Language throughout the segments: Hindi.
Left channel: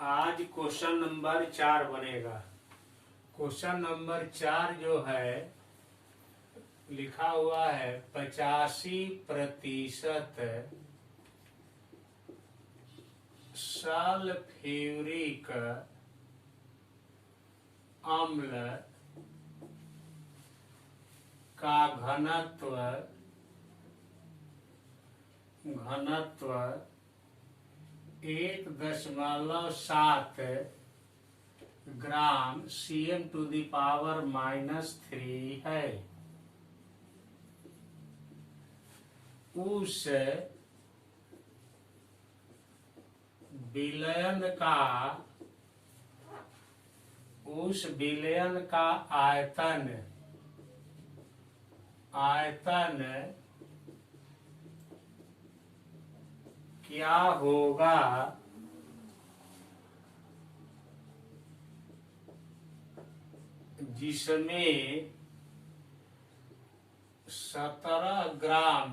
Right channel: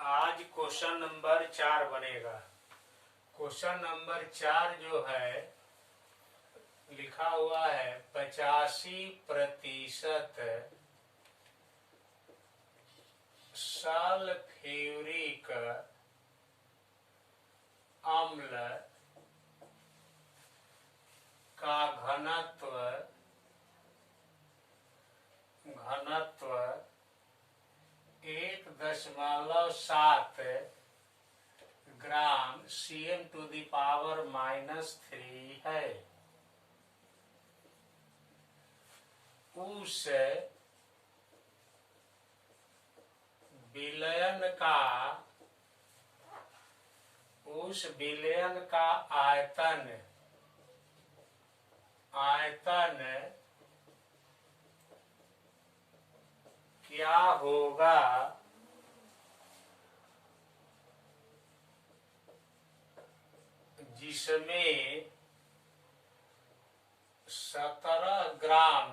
आज क्वेश्चन नंबर 4 बनेगा। क्वेश्चन नंबर 4 जो है लिखा हुआ है 85% सल्फ्यूरिक अम्ल का घनत्व 1.7 ग्राम Cm⁻³ है। उस विलयन का आयतन क्या होगा जिसमें 17 ग्राम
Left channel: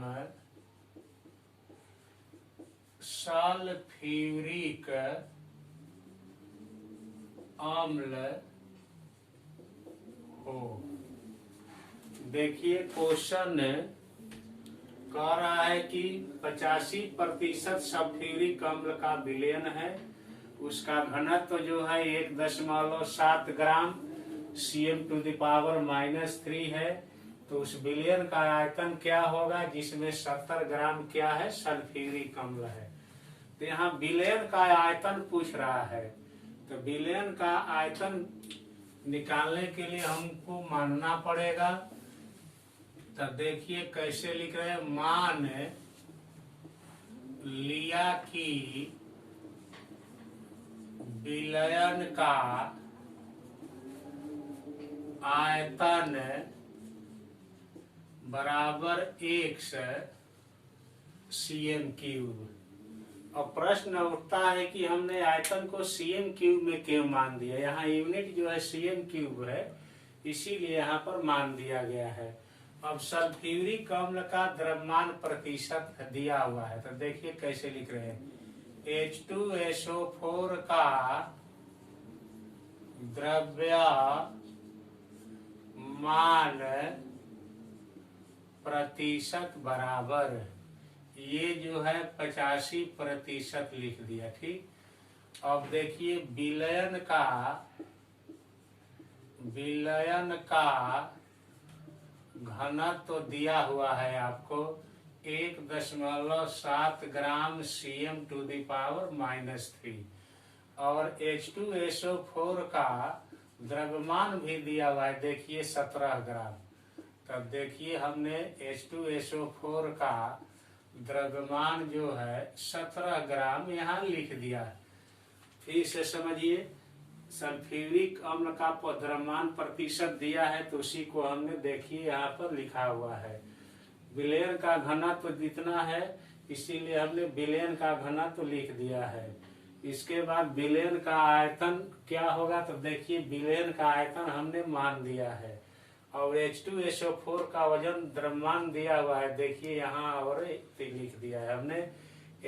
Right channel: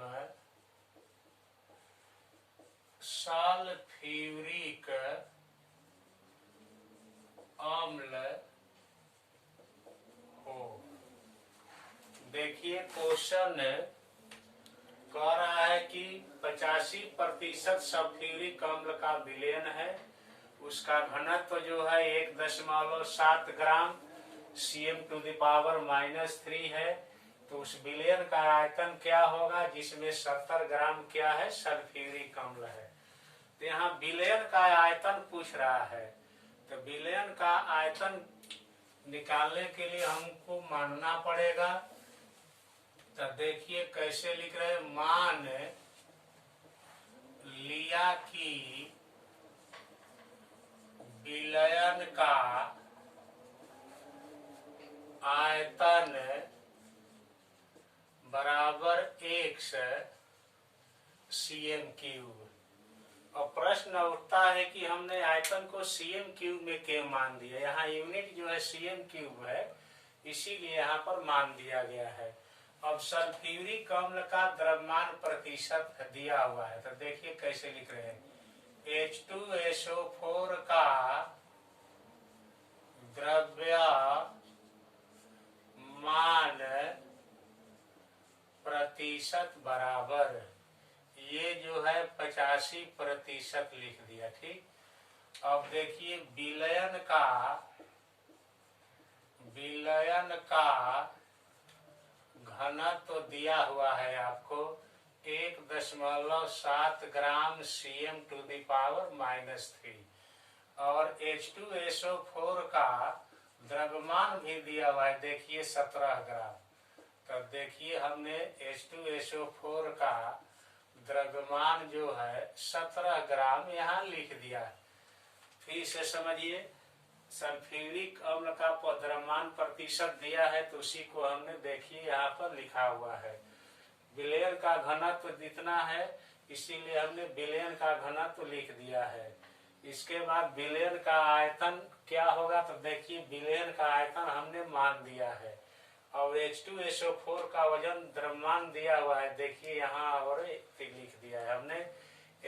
सल्फ्यूरिक अम्ल हो। देखिए क्वेश्चन कह रहा है कि 85% सल्फ्यूरिक अम्ल का विलयन है, उसका घनत्व जो है 1.7 ग्राम Cm⁻³ है। तो उस विलयन का आयतन क्या होगा जिसमें 70 ग्राम क्या है सल्फ्यूरिक अम्ल है। तो यहाँ विलयन का आयतन पूछ रहा है, तो विलयन का आयतन निकालने के लिए हमको मानना पड़ेगा। तो देखिए कैसे लिख रहे हैं, मान लिया कि विलयन का आयतन बराबर x Cm³। और प्रश्न उठता है कि हमने आयतन को Cm³ में क्यों मान दिया। यहाँ यूनिट जो है Cm³ है, इसीलिए यहाँ पर मान दिया गया है। अब सल्फ्यूरिक अम्ल का द्रव्यमान प्रतिशत दिया हुआ है, तो देखिए कैसे लिख रहे हैं, H2SO4 का द्रव्यमान प्रतिशत बराबर, ये जो है 85% लिख दिया। ठीक, अब देखिए विलयन का घनत्व तो दिया हुआ है आपको 1.7 ग्राम Cm⁻³ और H2SO4 का द्रव्यमान भी दिया हुआ है, देखिए 17 ग्राम। तब देखिए हमने H2SO4 का द्रव्यमान जो है 17 ग्राम यहाँ लिख दिया है। फिर से समझिए, सल्फ्यूरिक अम्ल का द्रव्यमान प्रतिशत दिया है, तो उसी को हमने देखिए यहाँ पर लिखा हुआ है। विलयन का घनत्व जितना है, इसीलिए हमने विलयन का घनत्व लिख दिया है। इसके बाद विलयन का आयतन क्या होगा, तो देखिए विलयन का आयतन हमने मान दिया है। और H2SO4 का वजन द्रव्यमान दिया हुआ है, देखिए यहाँ और लिख दिया है हमने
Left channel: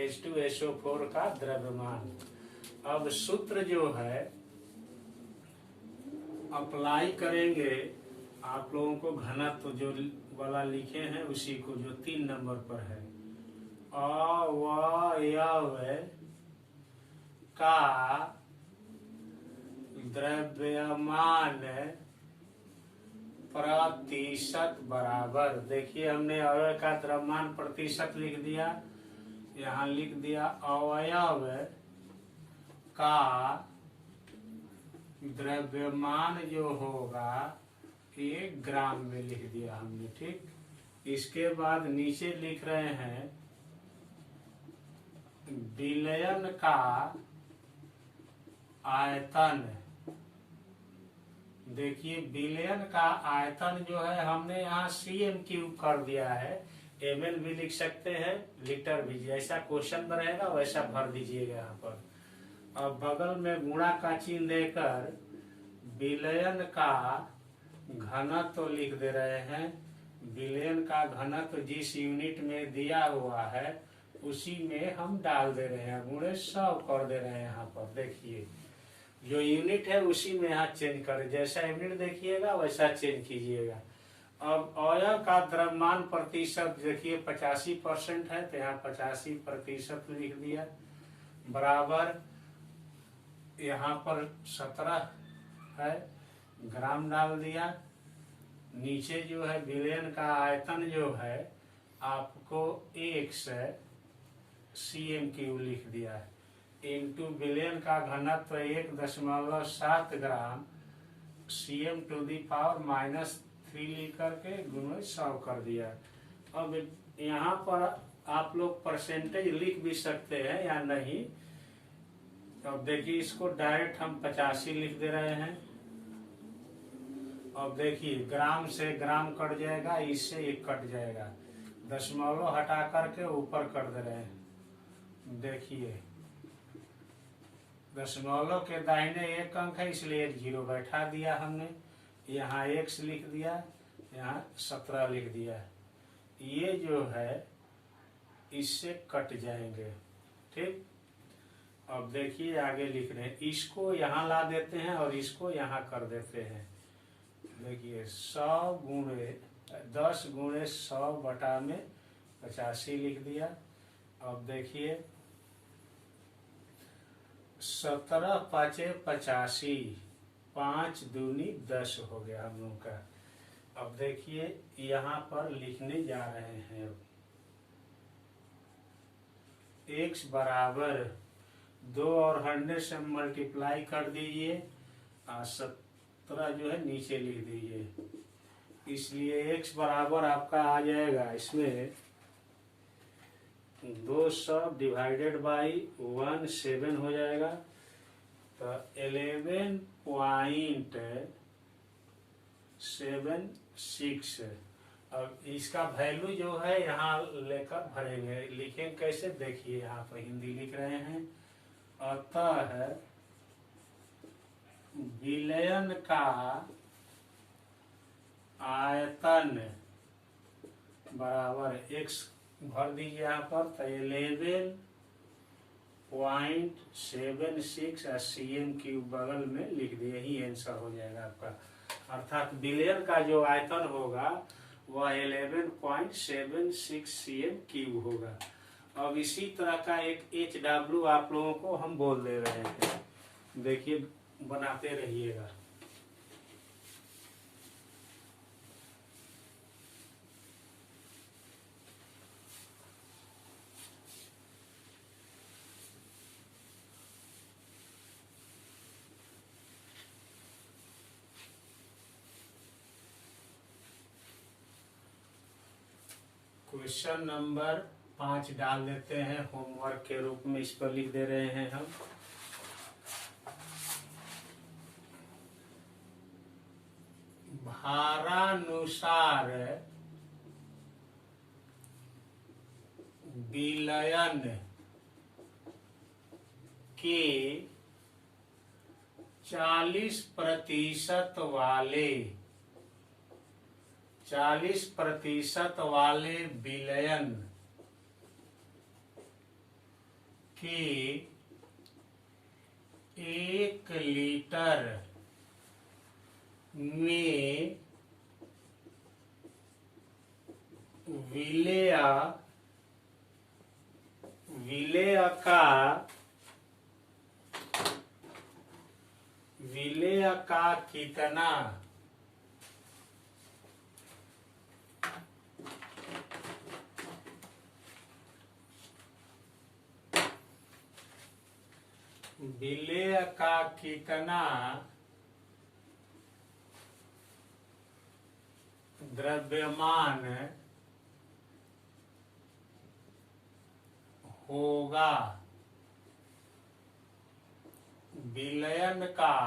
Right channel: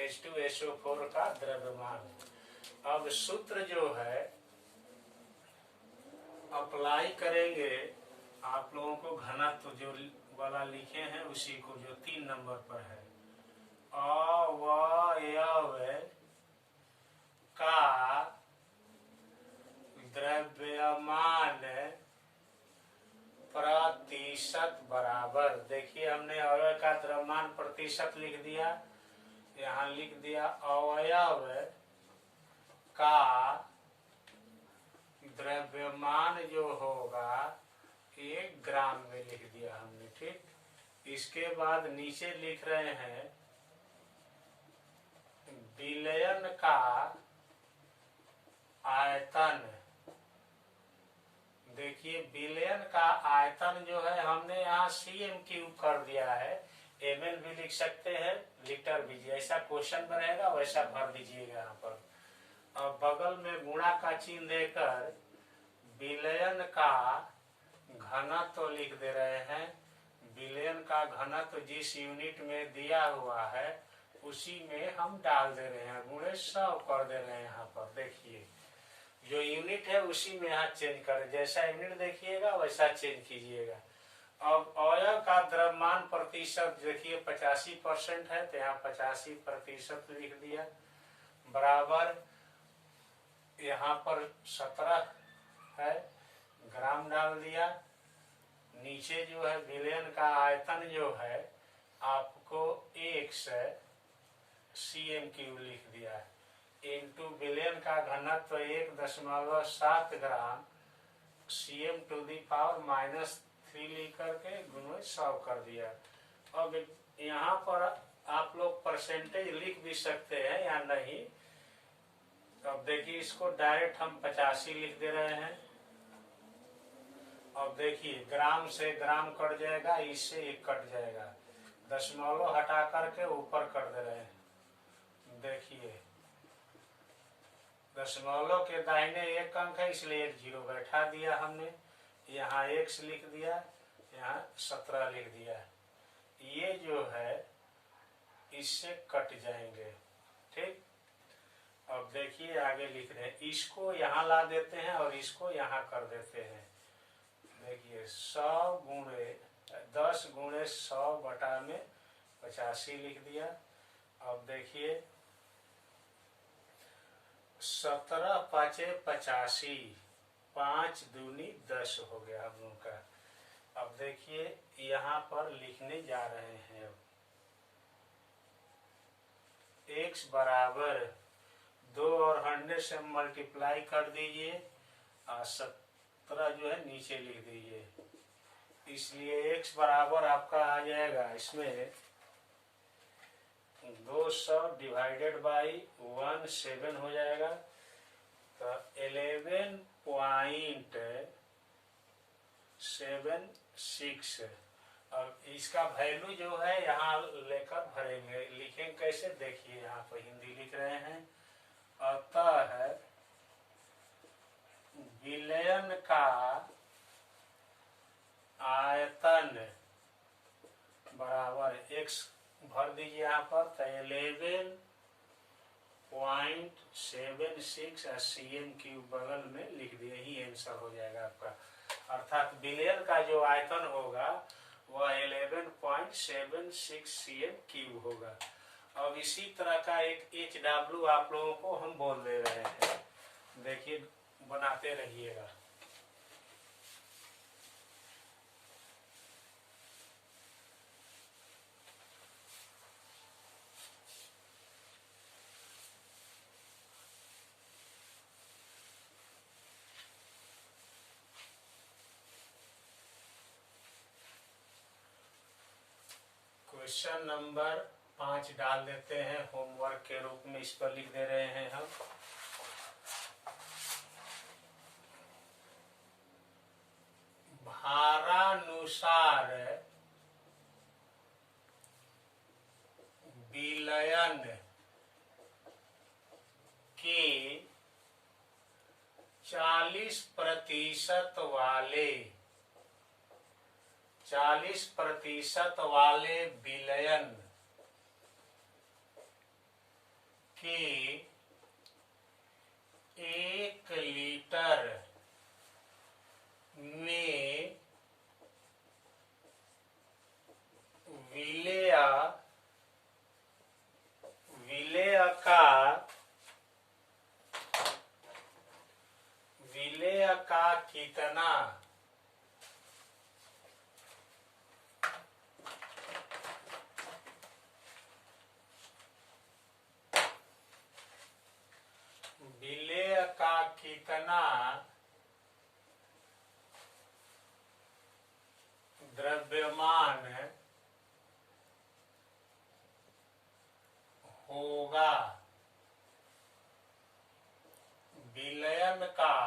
H2SO4 का द्रव्यमान। अब सूत्र जो है अप्लाई करेंगे, आप लोगों को घनत्व जो वाला लिखे हैं उसी को, जो 3 नंबर पर है, अवयव का द्रव्यमान प्रतिशत बराबर, देखिए हमने अवयव का द्रव्यमान प्रतिशत लिख दिया, यहाँ लिख दिया अवयव का द्रव्यमान जो होगा 1 ग्राम में लिख दिया हमने। ठीक, इसके बाद नीचे लिख रहे हैं विलयन का आयतन। देखिए विलयन का आयतन जो है हमने यहाँ Cm³ कर दिया है, ml भी लिख सकते हैं, लीटर भी, जैसा क्वेश्चन बनेगा वैसा भर दीजिएगा यहाँ पर। और बगल में गुणा का चिन्ह देकर विलयन का घनत्व लिख दे रहे हैं। विलयन का घनत्व जिस यूनिट में दिया हुआ है उसी में हम डाल दे रहे हैं, गुणे 100 कर दे रहे हैं। यहाँ पर देखिए जो यूनिट है उसी में यहाँ चेंज करें, जैसा यूनिट देखिएगा वैसा चेंज कीजिएगा। अब अवयव का द्रव्यमान प्रतिशत देखिए 85% है, तो यहाँ 85% लिख दिया, बराबर यहाँ पर 17 है, ग्राम डाल दिया। नीचे जो है विलयन का आयतन जो है आपको 1 लिख दिया है, इंटू विलयन का घनत्व 1.7 ग्राम cm⁻³ लिख करके गुणे 100 कर दिया। अब यहाँ पर आप लोग परसेंटेज लिख भी सकते हैं या नहीं। अब देखिए इसको डायरेक्ट हम 85 लिख दे रहे हैं। अब देखिए ग्राम से ग्राम कट जाएगा, इससे 1 कट जाएगा, दशमलव हटा करके ऊपर कर दे रहे हैं। देखिए दशमलव के दाहिने 1 अंक है, इसलिए 1 0 बैठा दिया हमने, यहाँ x लिख दिया, यहाँ 17 लिख दिया। ये जो है इससे कट जाएंगे, ठीक। अब देखिए आगे लिख रहे हैं, इसको यहाँ ला देते हैं और इसको यहाँ कर देते हैं। देखिए 10 गुणे 100 बटा में 85 लिख दिया। अब देखिए 17 पाँचे 85, 5 दूनी 10 हो गया हम लोग का। अब देखिए यहाँ पर लिखने जा रहे हैं, अब x बराबर 2 और 100 से मल्टीप्लाई कर दीजिए, 17 जो है नीचे लिख दीजिए। इसलिए x बराबर आपका आ जाएगा इसमें 200 डिवाइडेड बाई 17 हो जाएगा, तो 11.76। अब इसका वैल्यू जो है यहाँ लेकर भरेंगे, लिखेंगे कैसे देखिए, यहाँ पर हिंदी लिख रहे हैं। अतः विलयन का आयतन बराबर x भर दीजिए यहाँ पर, तो 11.76 cm³ बगल में लिख दिए, यही आंसर हो जाएगा आपका। अर्थात विलयन का जो आयतन होगा वह 11.76 cm³ होगा। अब इसी तरह का एक HW आप लोगों को हम बोल दे रहे हैं, देखिए बनाते रहिएगा। क्वेश्चन नंबर 5 डाल देते हैं होमवर्क के रूप में, इस पर लिख दे रहे हैं हम। भारानुसार विलयन के 40% वाले विलयन के 1 लीटर में विलेय का कितना विलेय का कितना द्रव्यमान होगा, विलयन का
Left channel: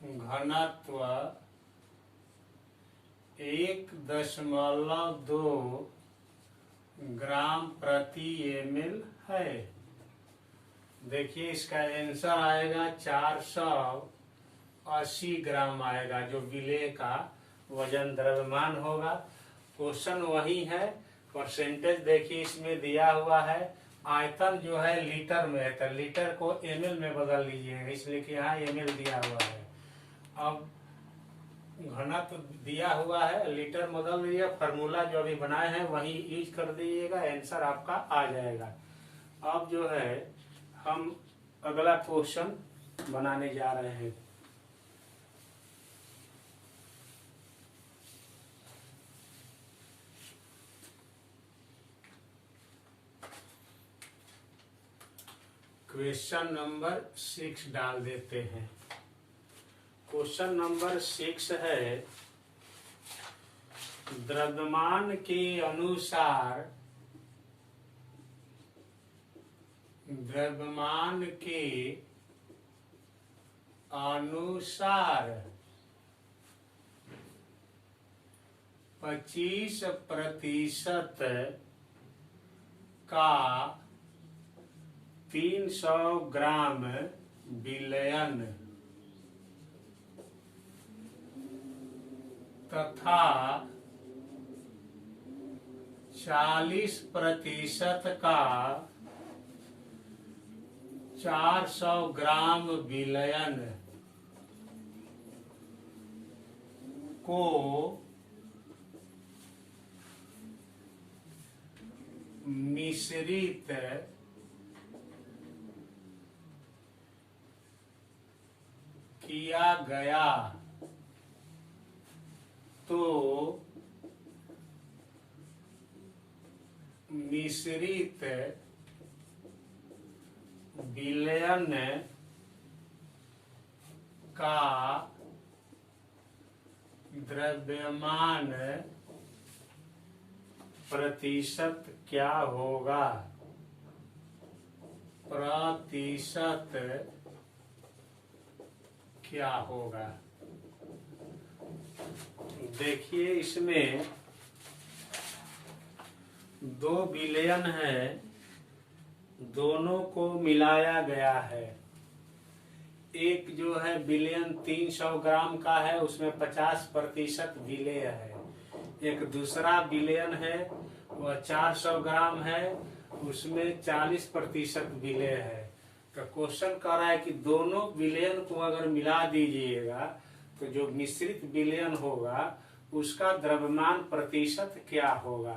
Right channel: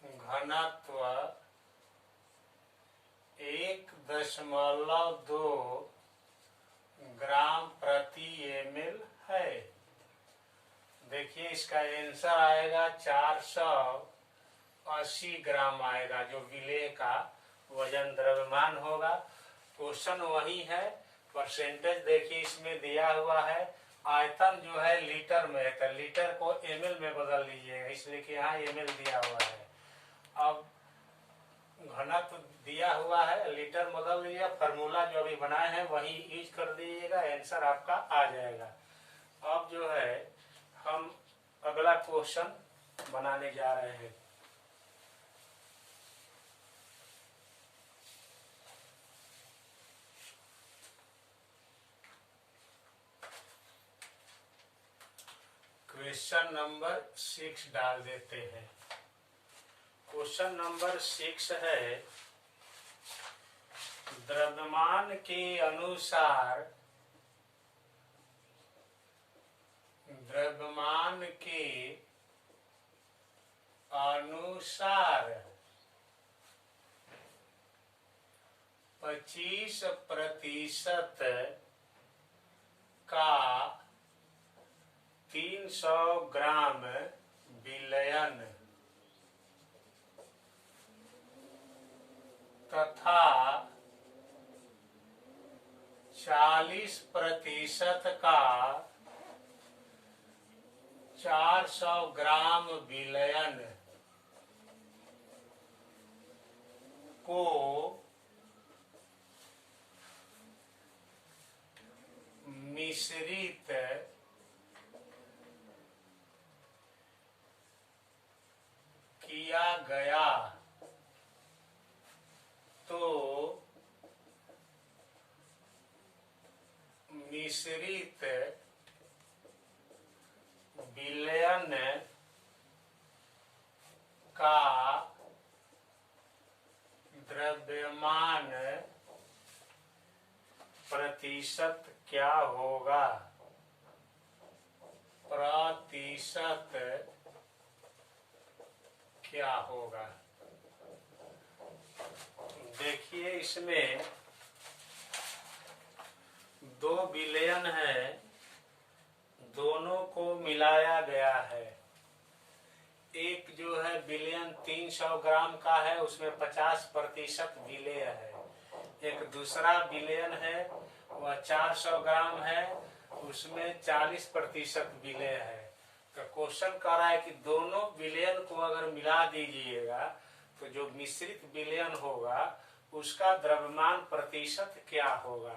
घनत्व 1.2 ग्राम प्रति ml है। देखिए इसका आंसर आएगा 480 ग्राम आएगा, जो विलेय का वजन द्रव्यमान होगा। क्वेश्चन वही है, परसेंटेज देखिए इसमें दिया हुआ है। आयतन जो है लीटर में है, तो लीटर को ml में बदल लीजिएगा, इसलिए कि यहाँ ml दिया हुआ है। अब घनत्व दिया हुआ है, लीटर बदल दीजिए, फार्मूला जो अभी बनाए हैं वही यूज कर दीजिएगा, आंसर आपका आ जाएगा। अब जो है हम अगला क्वेश्चन बनाने जा रहे हैं। क्वेश्चन नंबर 6 डाल देते हैं। क्वेश्चन नंबर 6 है, द्रव्यमान के अनुसार द्रव्यमान के अनुसार 25% का 300 ग्राम विलयन तथा 40% का 400 ग्राम विलयन को मिश्रित किया गया तो मिश्रित विलयन का द्रव्यमान प्रतिशत क्या होगा? प्रतिशत क्या होगा? देखिए इसमें दो विलयन है, दोनों को मिलाया गया है। एक जो है विलयन 300 ग्राम का है, उसमें 50% विलेय है। एक दूसरा विलयन है वह 400 ग्राम है, उसमें 40% विलेय है। तो क्वेश्चन कह रहा है कि दोनों विलयन को अगर मिला दीजिएगा तो जो मिश्रित विलयन होगा उसका द्रव्यमान प्रतिशत क्या होगा।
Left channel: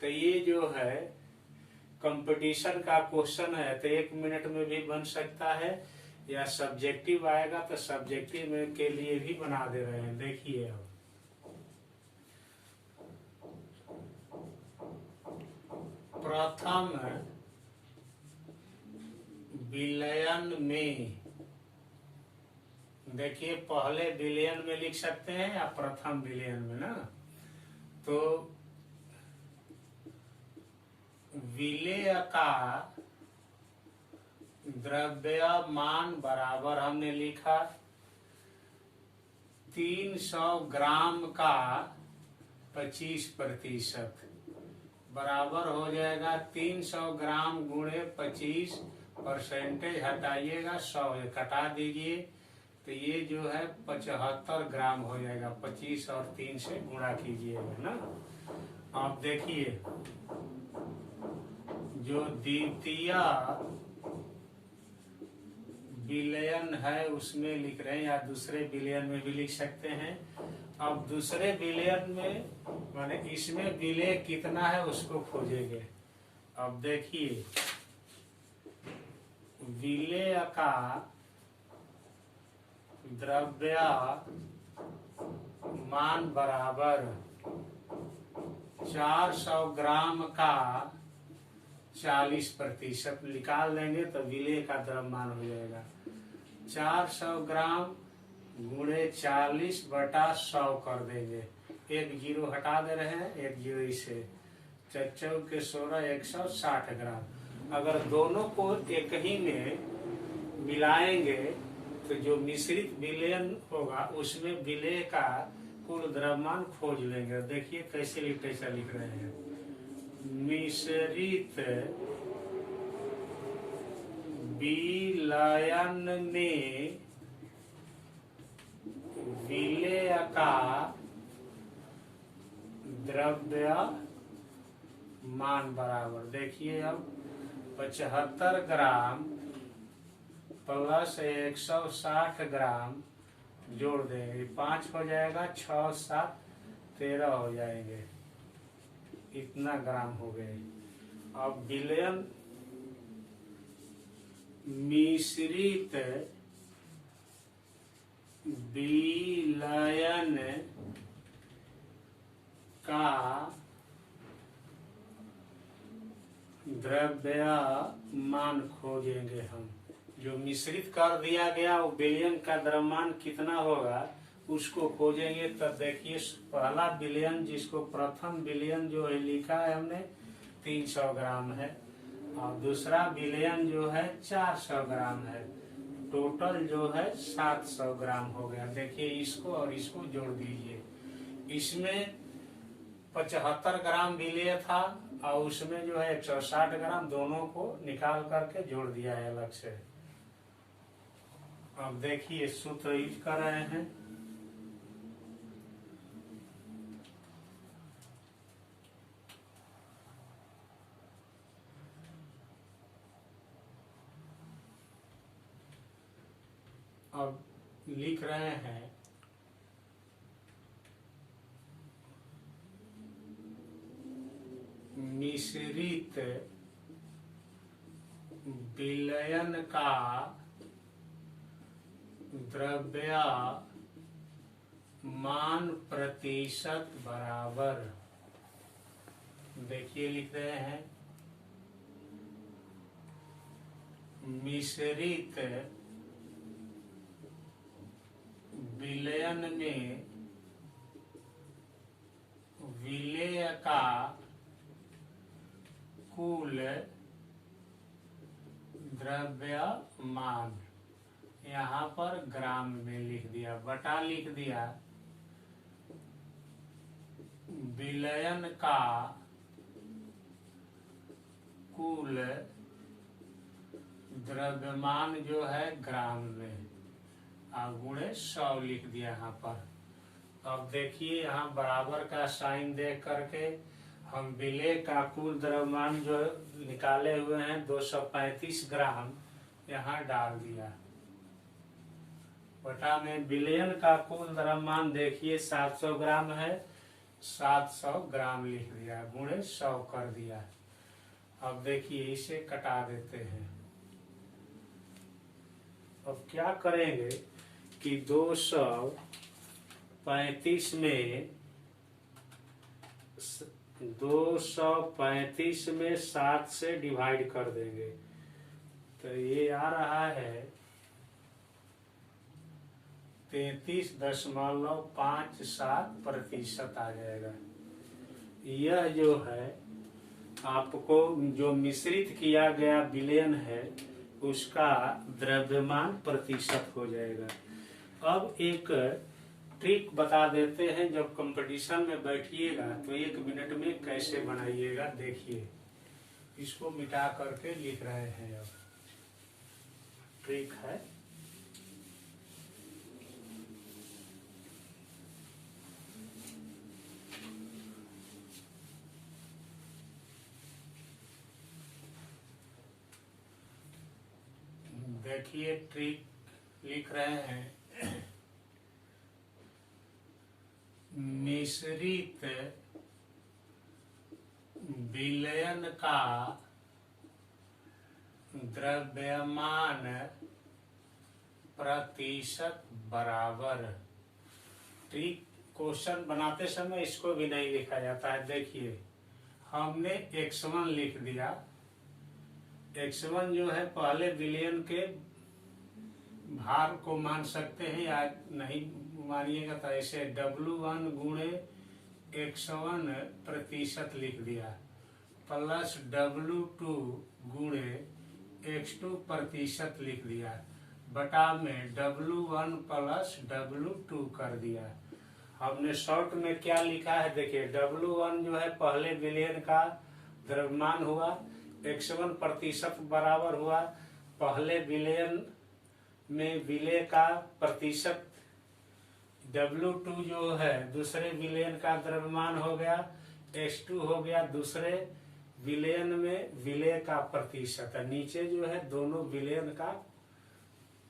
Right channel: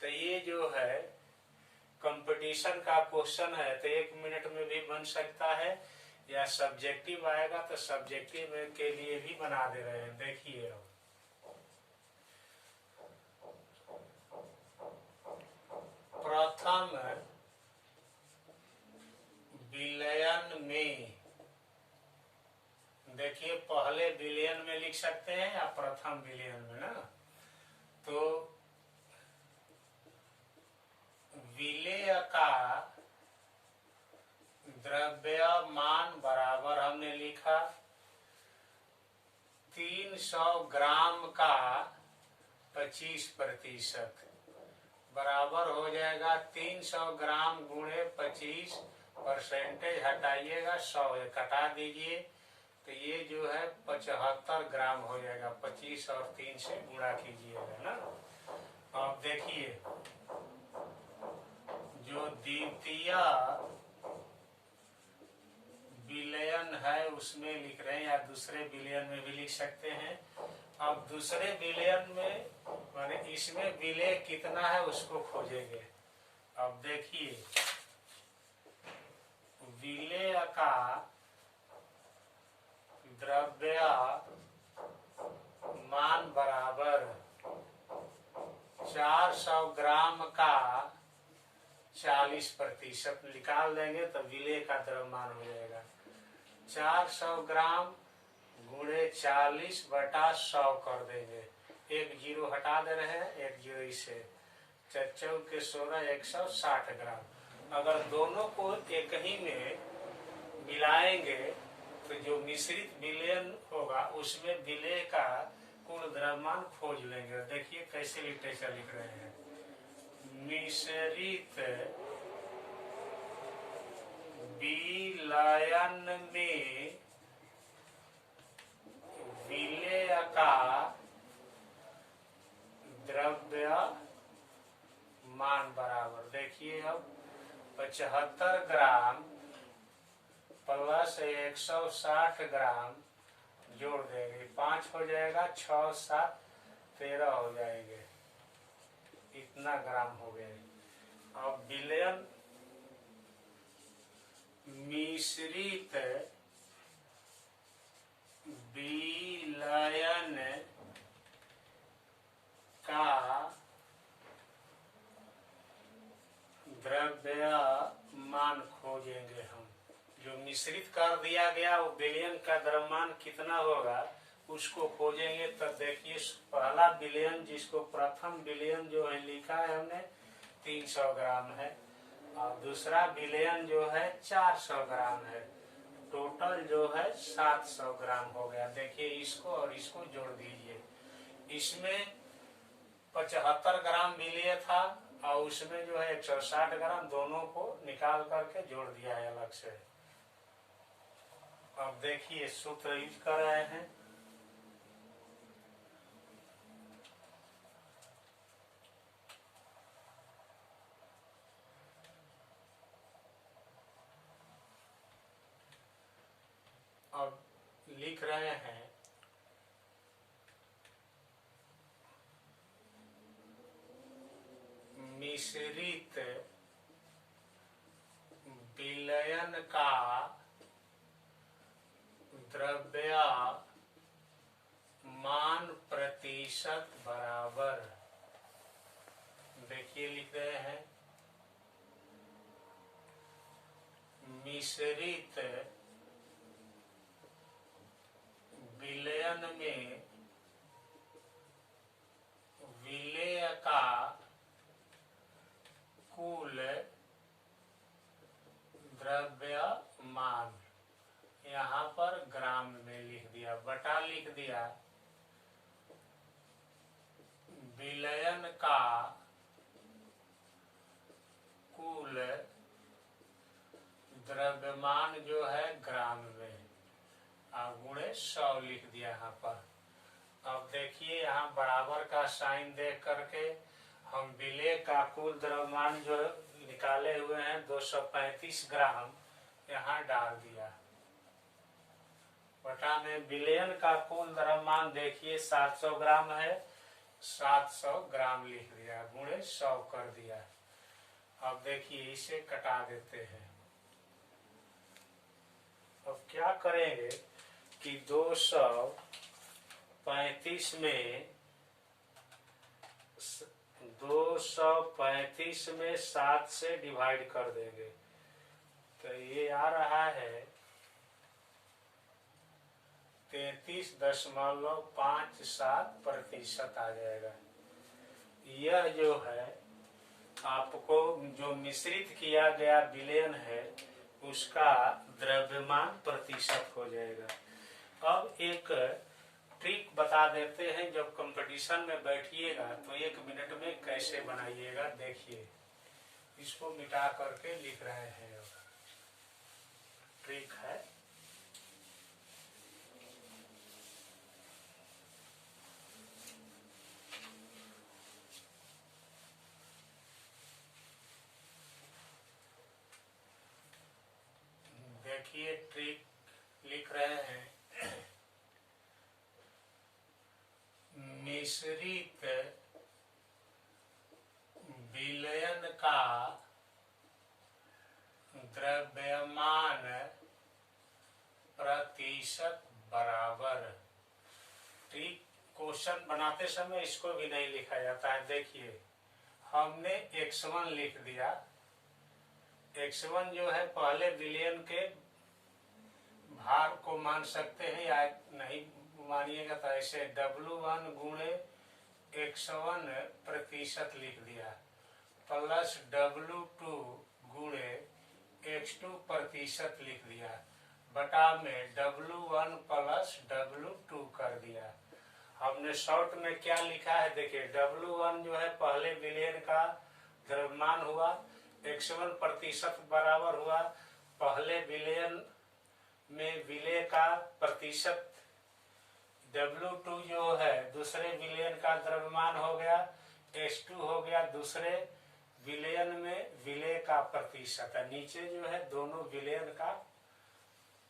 तो ये जो है कंपटीशन का क्वेश्चन है, तो 1 मिनट में भी बन सकता है, या सब्जेक्टिव आएगा तो सब्जेक्टिव के लिए भी बना दे रहे हैं। देखिए अब प्रथम विलयन में, देखिए पहले विलयन में लिख सकते हैं या प्रथम विलयन में ना, तो विलेय का द्रव्यमान बराबर हमने लिखा 300 ग्राम का 25% बराबर हो जाएगा 300 ग्राम गुणे 25, परसेंटेज हटाइएगा 100 घटा दीजिए, तो ये जो है 75 ग्राम हो जाएगा। 25 और 3 से गुणा कीजिएगा ना। अब देखिए जो द्वितीय विलयन है उसमें लिख रहे हैं, या दूसरे विलयन में भी लिख सकते हैं। अब दूसरे विलयन में माने इसमें विलेय कितना है उसको खोजेंगे। अब देखिए विलेय का द्रव्यमान बराबर 400 ग्राम का 40% निकाल देंगे तो विलेय का द्रव्यमान हो जाएगा 400 ग्राम गुणे 40/100 कर देंगे। 1 जीरो हटा दे रहे हैं, 1 जीरो इसे 4 के 16 160 ग्राम। अगर दोनों को एक ही में मिलाएंगे तो जो मिश्रित विलयन होगा उसमें विलेय का कुल द्रव्यमान खोज लेंगे। देखिए कैसे लिख रहे हैं, मिश्रित विलयन में विलेय का द्रव्यमान मान बराबर। देखिए अब 75 ग्राम प्लस 160 ग्राम जोड़ देंगे, 5 हो जाएगा, 6 7 13 हो जाएंगे, इतना ग्राम हो गए। अब विलयन मिश्रित विलयन का द्रव्यमान खोजेंगे हम। जो मिश्रित कर दिया गया वो विलयन का द्रव्यमान कितना होगा उसको खोजेंगे। तब देखिए पहला विलयन जिसको प्रथम विलयन जो है लिखा है हमने 300 ग्राम है, और दूसरा विलयन जो है 400 ग्राम है, टोटल जो है 700 ग्राम हो गया। देखिए इसको और इसको जोड़ दीजिए। इसमें 75 ग्राम विलेय था और उसमें जो है 160 ग्राम, दोनों को निकाल करके जोड़ दिया है अलग से। अब देखिए सूत्र यूज कर रहे हैं। अब लिख रहे हैं मिश्रित विलयन का द्रव्यमान प्रतिशत बराबर। देखिए लिख रहे हैं मिश्रित विलयन में विलेय का कुल द्रव्यमान, यहाँ पर ग्राम में लिख दिया, बटा लिख दिया विलयन का कुल द्रव्यमान जो है ग्राम में, गुणे 100 लिख दिया यहाँ पर। अब देखिए यहाँ बराबर का साइन दे करके हम विलेय का कुल द्रव्यमान जो निकाले हुए हैं 235 ग्राम यहाँ डाल दिया, बटा में विलयन का कुल द्रव्यमान देखिए 700 ग्राम है, 700 ग्राम लिख दिया, गुणे 100 कर दिया। अब देखिए इसे कटा देते हैं। अब क्या करेंगे कि 235 में 7 से डिवाइड कर देंगे तो ये आ रहा है 33.57% आ जाएगा। यह जो है आपको जो मिश्रित किया गया विलयन है उसका द्रव्यमान प्रतिशत हो जाएगा। अब एक ट्रिक बता देते हैं, जब कंपटीशन में बैठिएगा तो 1 मिनट में कैसे बनाइएगा। देखिए इसको मिटा करके लिख रहे हैं। अब ट्रिक है देखिए ट्रिक लिख रहे हैं मिश्रित विलयन का द्रव्यमान प्रतिशत बराबर। ट्रिक क्वेश्चन बनाते समय इसको भी नहीं लिखा जाता है। देखिए हमने x1 लिख दिया, x1 जो है पहले विलयन के भार को मान सकते हैं या नहीं मानिएगा तो ऐसे W1 गुणे x1 प्रतिशत लिख दिया, प्लस W2 गुणे x2 प्रतिशत लिख दिया, बटा में W1 प्लस W2 कर दिया। हमने शॉर्ट में क्या लिखा है देखिए, W1 जो है पहले विलयन का द्रव्यमान हुआ, x1 प्रतिशत बराबर हुआ पहले विलयन में विलेय का प्रतिशत, W2 जो है दूसरे विलयन का द्रव्यमान हो गया, H2 हो गया दूसरे विलयन में विलय का प्रतिशत है, नीचे जो है दोनों विलयन का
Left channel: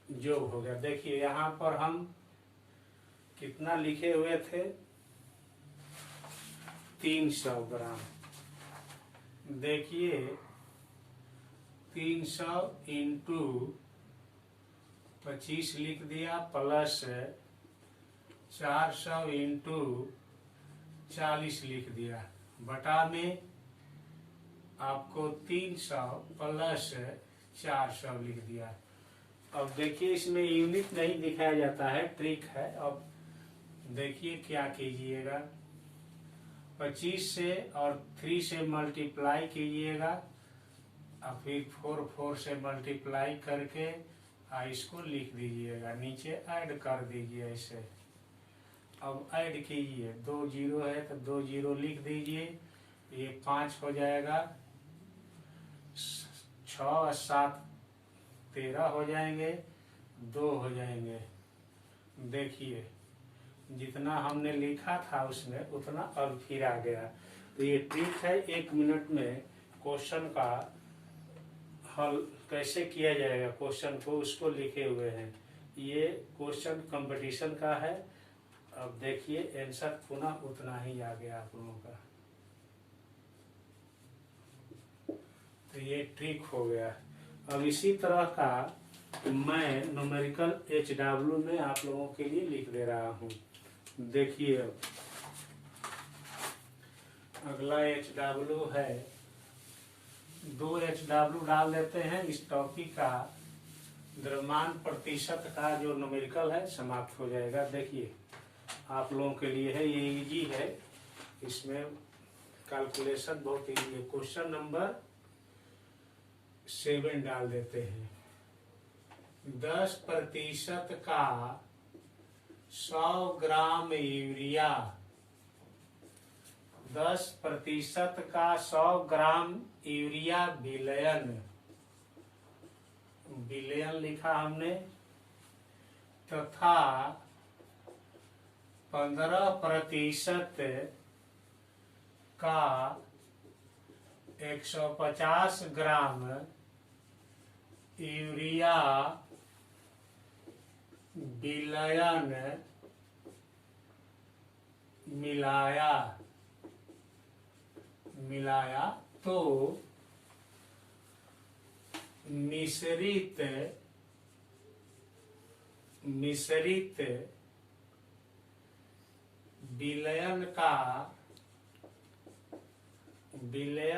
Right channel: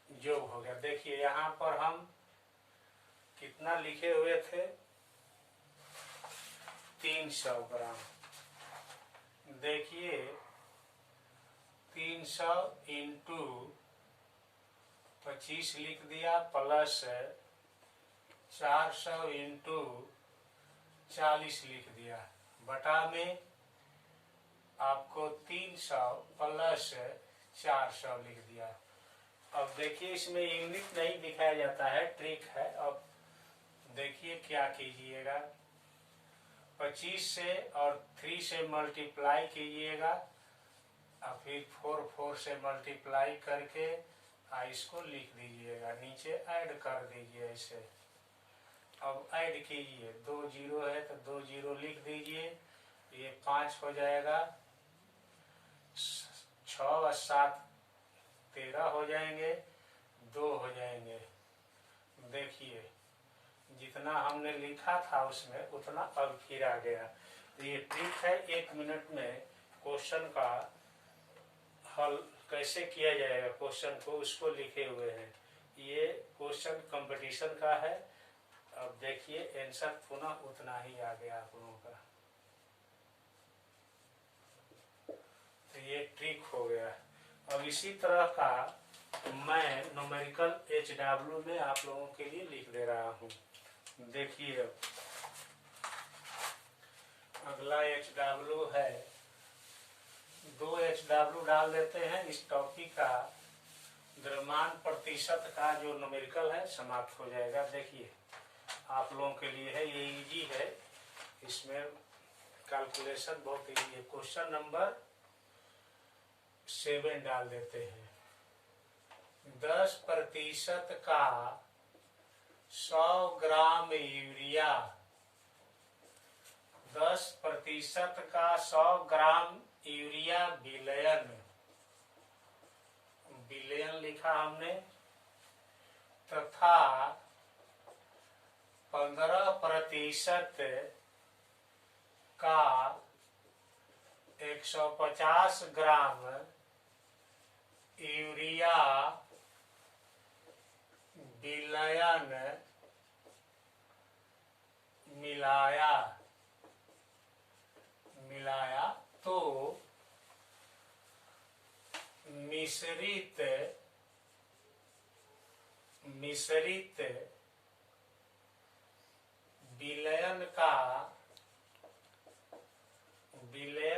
योग हो गया। देखिए यहाँ पर हम कितना लिखे हुए थे, 300 ग्राम। देखिए 300 इंटू 25 लिख दिया, प्लस 400 इंटू 40 लिख दिया, बटा में आपको 300 प्लस 400 लिख दिया। अब देखिए इसमें यूनिट नहीं दिखाया जाता है, ट्रिक है। अब देखिए क्या कीजिएगा, 25 से और 3 से मल्टीप्लाई कीजिएगा और फिर 4 से मल्टीप्लाई करके इसको लिख दीजिएगा, नीचे ऐड कर दीजिए ऐसे। अब ऐड कीजिए, 2 जीरो है तो 2 जीरो लिख दीजिए, ये 5 हो जाएगा, 6 और 7 13 हो जाएंगे, 2 हो जाएंगे। देखिए जितना हमने लिखा था उसमें उतना अब फिर आ गया। तो ये ट्रिक है, 1 मिनट में क्वेश्चन का हल कैसे किया जाएगा, क्वेश्चन को उसको लिखे हुए हैं। ये क्वेश्चन कंपटीशन का है। अब देखिए आंसर पुनः उतना ही आ गया आप लोगों का। तो ये ट्रिक हो गया। अब इसी तरह का मैं न्यूमेरिकल HW में आप लोगों के लिए लिख दे रहा हूँ। देखिए अब अगला HW है, 2 HW डाल देते हैं। इस टॉपिक का द्रव्यमान प्रतिशत का जो न्यूमेरिकल है समाप्त हो जाएगा। देखिए आप लोगों के लिए है, ये इजी है, इसमें कैलकुलेशन बहुत इजी है। क्वेश्चन नंबर 7 डाल देते हैं, 10% का 100 ग्राम यूरिया, 10% का 100 ग्राम यूरिया विलयन, विलयन लिखा हमने, तथा 15% का 150 ग्राम यूरिया विलयन मिलाया तो मिश्रित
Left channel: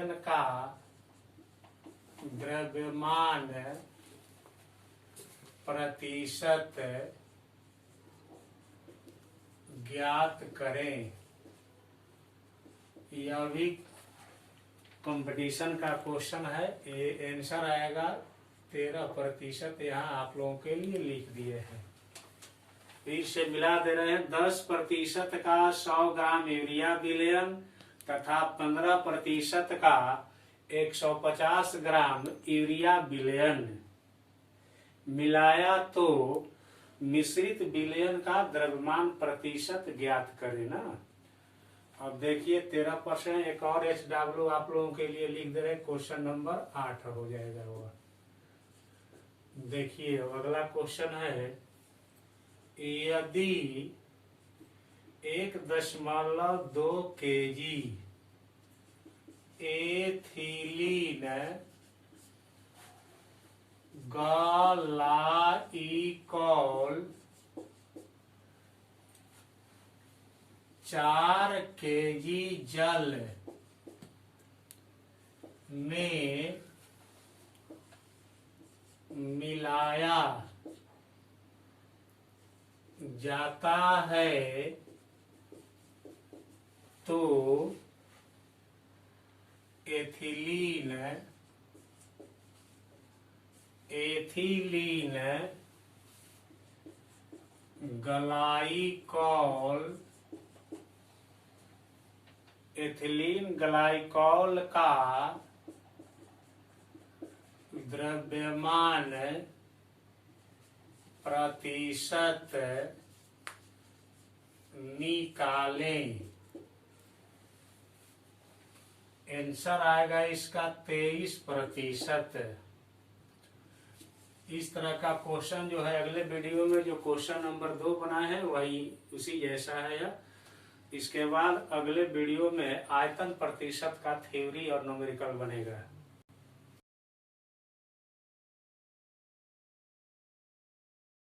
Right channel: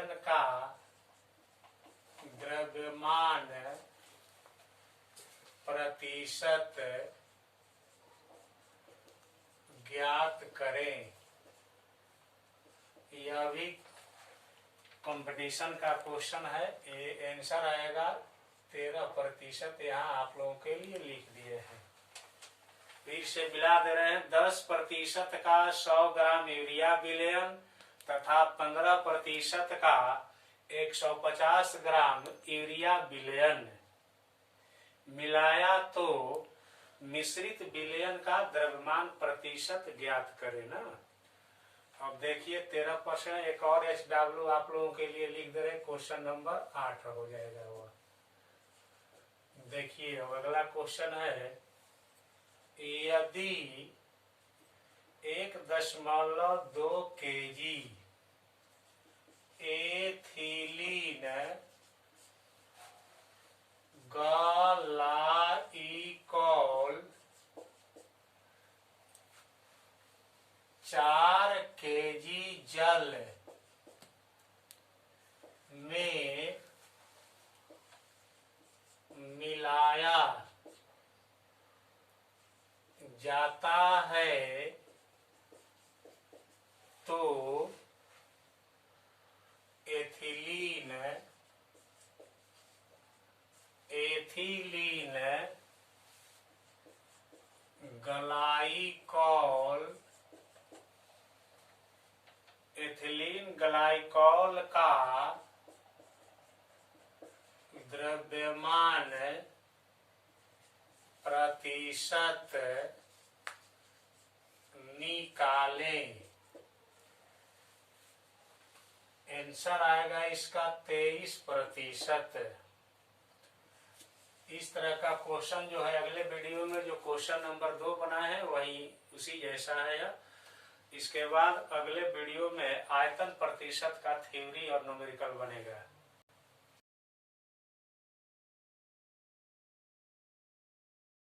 विलयन का द्रव्यमान प्रतिशत ज्ञात करें। यह भी कंपटीशन का क्वेश्चन है। ये आंसर आएगा 13%। यहाँ आप लोगों के लिए लिख दिए हैं, फिर से मिला दे रहे हैं। 10% का 100 ग्राम यूरिया विलयन तथा 15% का 150 ग्राम यूरिया विलयन मिलाया तो मिश्रित विलयन का द्रव्यमान प्रतिशत ज्ञात करें ना। अब देखिए 13%। एक और HW आप लोगों के लिए लिख दे रहे हैं, क्वेश्चन नंबर 8 हो जाएगा वह। देखिए अब अगला क्वेश्चन है, यदि 1.2 kg एथिलीन ग्लाइकोल 4 kg जल में मिलाया जाता है तो एथिलीन ग्लाइकोल का द्रव्यमान प्रतिशत निकालें। आंसर आएगा इसका 23%। इस तरह का क्वेश्चन जो है अगले वीडियो में जो क्वेश्चन नंबर 2 बनाए हैं वही उसी जैसा है यह। इसके बाद अगले वीडियो में आयतन प्रतिशत का थ्योरी और न्यूमेरिकल बनेगा।